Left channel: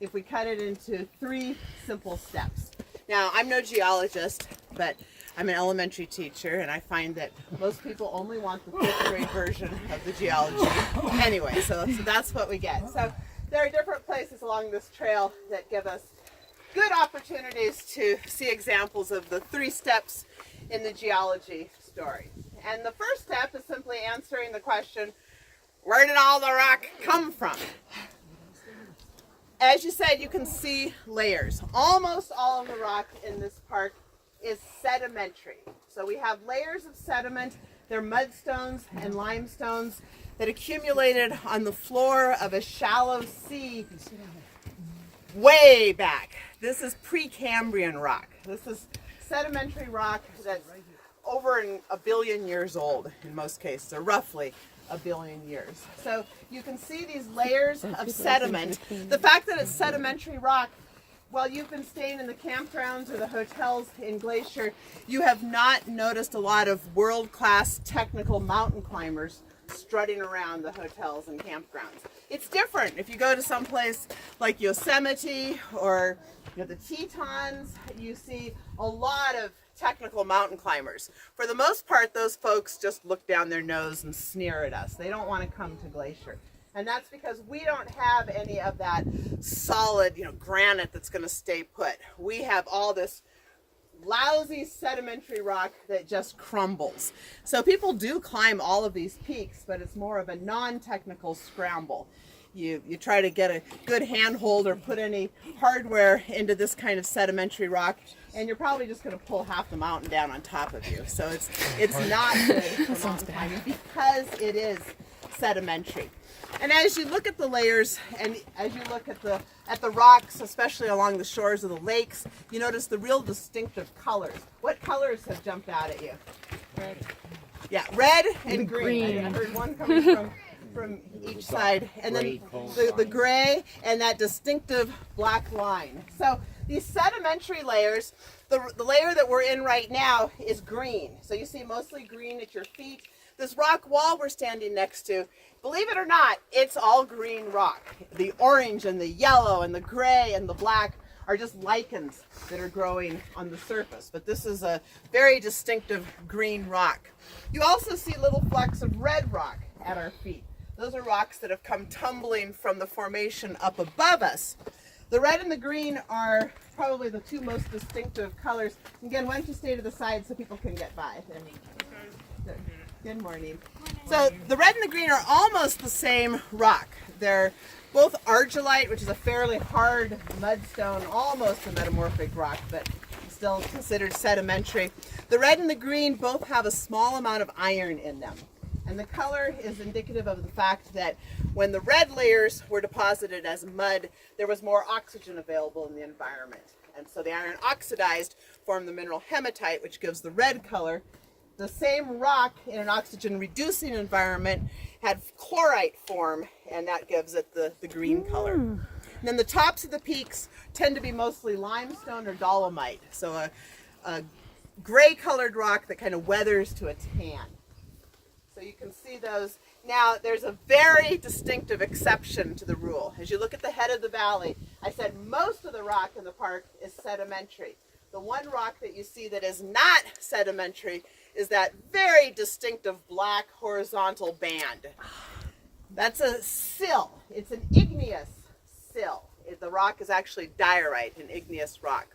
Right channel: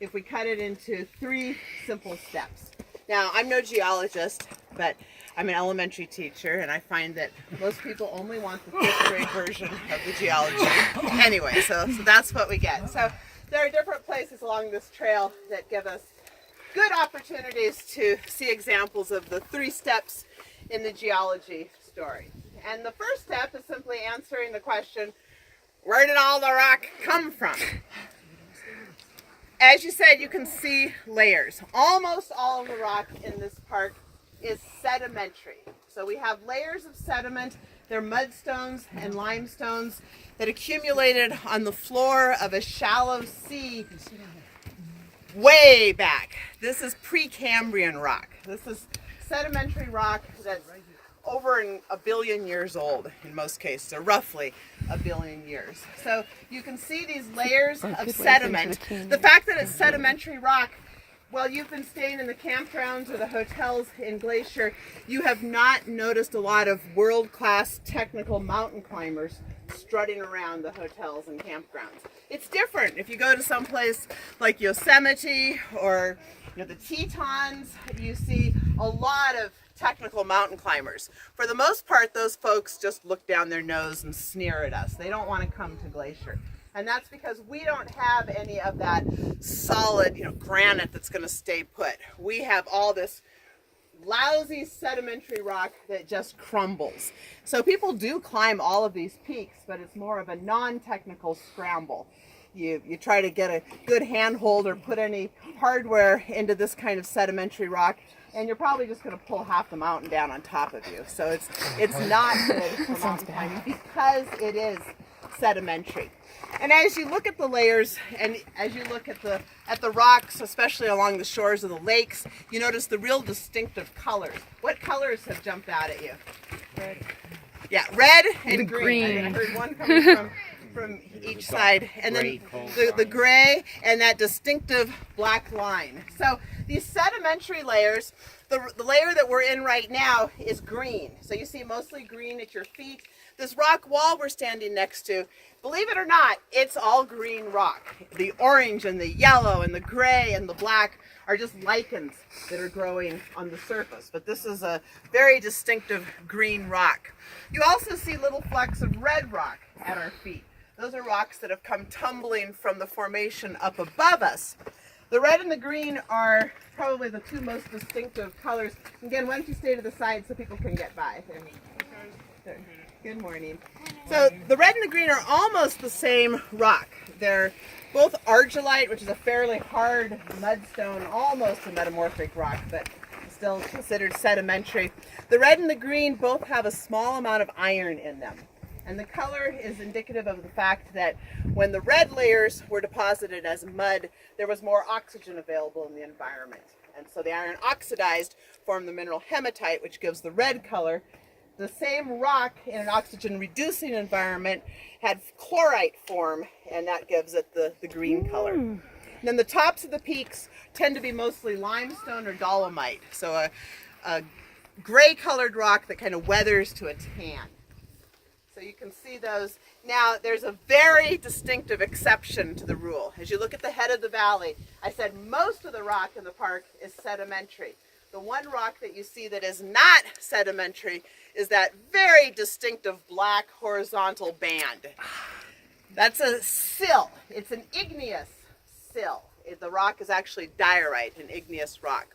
if we cut it into 3 simple steps. Now, I'm no geologist, but I'm an elementary teacher, and I find that most people only want the 5th grade version of the geology. Anyway, so that's what we get. So there are different places along this trail that give us good opportunities to see examples of the 3 steps in the geology story. And the first step is simply answering the question, where did all the rock come from? As you said, you can see layers. Almost all of the rock in this park is sedimentary. So we have layers of sediment. They're mudstones and limestones that accumulated on the floor of a shallow sea way back. This is Precambrian rock. This is sedimentary rock that's over 1 billion years old in most cases, or roughly 1 billion years. So you can see these layers of sediment. The fact that it's sedimentary rock, while you've been staying in the campgrounds or the hotels in Glacier, you have not noticed a lot of world-class technical mountain climbers strutting around the hotels and campgrounds. It's different if you go to some place like Yosemite or the Tetons. You see a lot of technical mountain climbers. For the most part, those folks just look down their nose and sneer at us. They don't want to come to Glacier. And that's because we don't have any of that solid, granite that's going to stay put. We have all this lousy sedimentary rock that just crumbles. So people do climb all of these peaks, but it's more of a non-technical scramble. You try to get a good handhold or put any hardware into this kind of sedimentary rock, and you're probably just going to pull half the mountain down on top of you. So it's not good for mountain climbing because it is sedimentary. And as you look at the layers and as you look at the rocks, especially along the shores of the lakes, you notice the real distinctive colors. What colors have jumped out at you? Red. Yeah, red and green. I heard one coming from each side, and then the gray and that distinctive black line. So these sedimentary layers, the layer that we're in right now is green. So you see mostly green at your feet. This rock wall we're standing next to, believe it or not, it's all green rock. The orange and the yellow and the gray and the black are just lichens that are growing on the surface. But this is a very distinctive green rock. You also see little flecks of red rock at our feet. Those are rocks that have come tumbling from the formation up above us. The red and the green are probably the 2 most distinctive colors. Again, why don't you stay to the side so people can get by? Good morning. So the red and the green are almost the same rock. They're both argillite, which is a fairly hard mudstone, almost a metamorphic rock, but still considered sedimentary. The red and the green both have a small amount of iron in them. And the color is indicative of the fact that when the red layers were deposited as mud, there was more oxygen available in the environment. And so the iron oxidized, formed the mineral hematite, which gives the red color. The same rock in an oxygen-reducing environment had chlorite form, and that gives it the green color. And then the tops of the peaks tend to be mostly limestone or dolomite, so a gray-colored rock that kind of weathers to a tan. So you can see those. Now, there's a very distinctive exception to the rule. As you look at the head of the valley, I said most of the rock in the park is sedimentary. The one rock that you see that is not sedimentary is that very distinctive black horizontal band. That's a sill. It's an igneous sill. The rock is actually diorite, an igneous rock.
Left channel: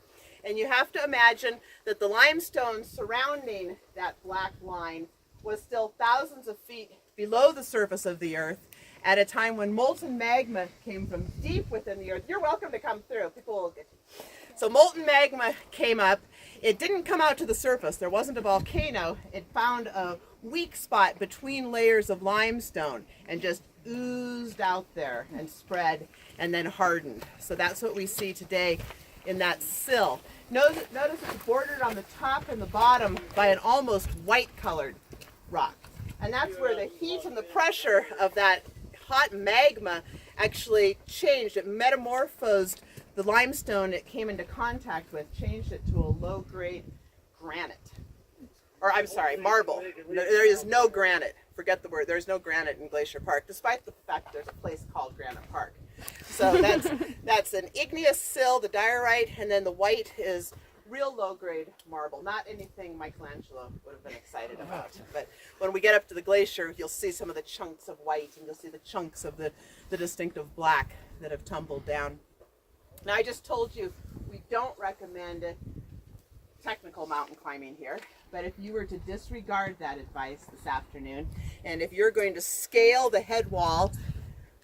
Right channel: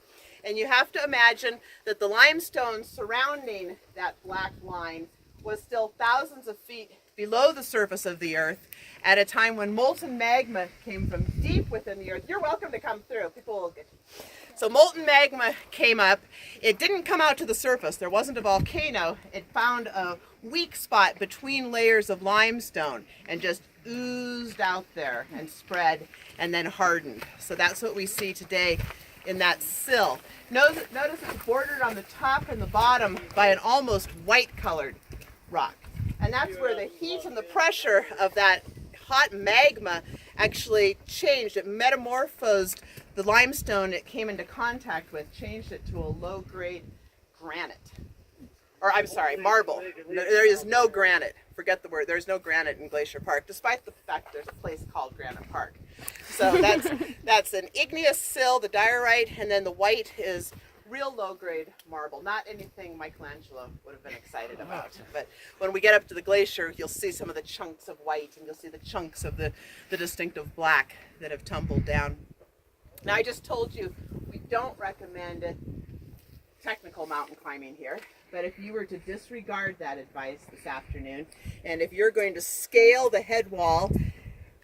And you have to imagine that the limestone surrounding that black line was still thousands of feet below the surface of the earth at a time when molten magma came from deep within the earth. You're welcome to come through. People will get you. So molten magma came up. It didn't come out to the surface. There wasn't a volcano. It found a weak spot between layers of limestone and just oozed out there and spread and then hardened. So that's what we see today in that sill. Notice it's bordered on the top and the bottom by an almost white colored rock. And that's where the heat and the pressure of that hot magma actually changed. It metamorphosed the limestone it came into contact with, changed it to a low-grade granite. Or I'm sorry, marble. There is no granite. Forget the word. There's no granite in Glacier Park, despite the fact there's a place called Granite Park. So that's an igneous sill, the diorite, and then the white is real low-grade marble, not anything Michelangelo would have been excited about. But when we get up to the glacier, you'll see some of the chunks of white, and you'll see the chunks of the distinctive black that have tumbled down. Now, I just told you we don't recommend technical mountain climbing here, but if you were to disregard that advice this afternoon, and if you're going to scale the head wall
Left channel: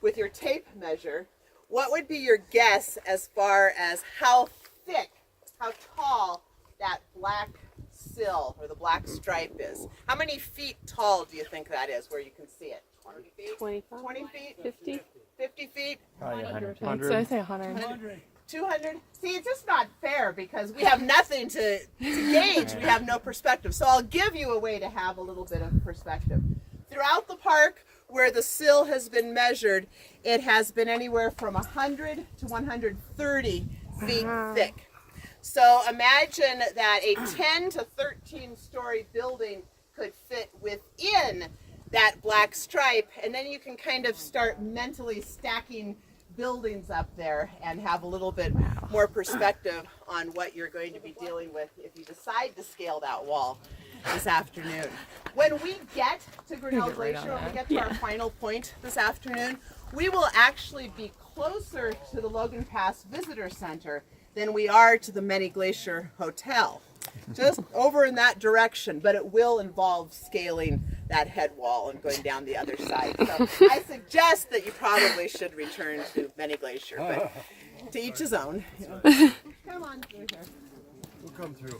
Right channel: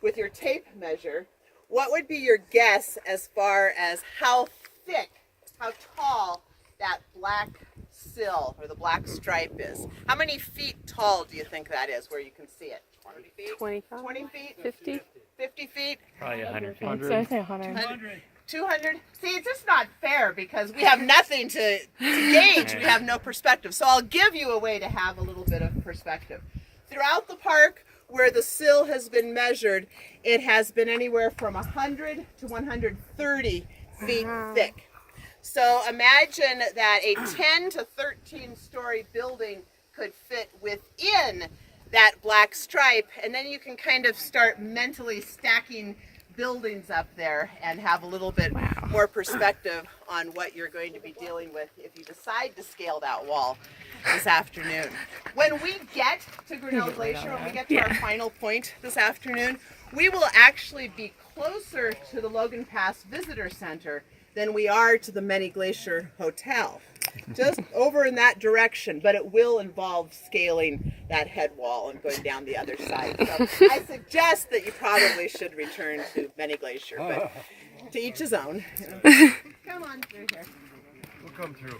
with your tape measure, what would be your guess as far as how thick, how tall that black sill or the black stripe is? How many feet tall do you think that is where you can see it? 20 feet? 25? 20 feet? 50? 50 feet? Probably 100 feet. So I say 100. 200? See, it's just not fair because we have nothing to gauge. We have no perspective. So I'll give you a way to have a little bit of perspective. Throughout the park where the sill has been measured, it has been anywhere from 100 to 130 feet thick. So imagine that a 10 to 13 story building could fit within that black stripe, and then you can kind of start mentally stacking buildings up there and have a little bit more perspective on what you're going to be dealing with if you decide to scale that wall this afternoon. When we get to Grinnell Glacier, when we get to our final point this afternoon, we will actually be closer to the Logan Pass Visitor Center than we are to the Many Glacier Hotel. Just over in that direction, but it will involve scaling that head wall and going down the other side. So I suggest that you probably should return to Many Glacier, but to each his own. Come on through here. We'll come through.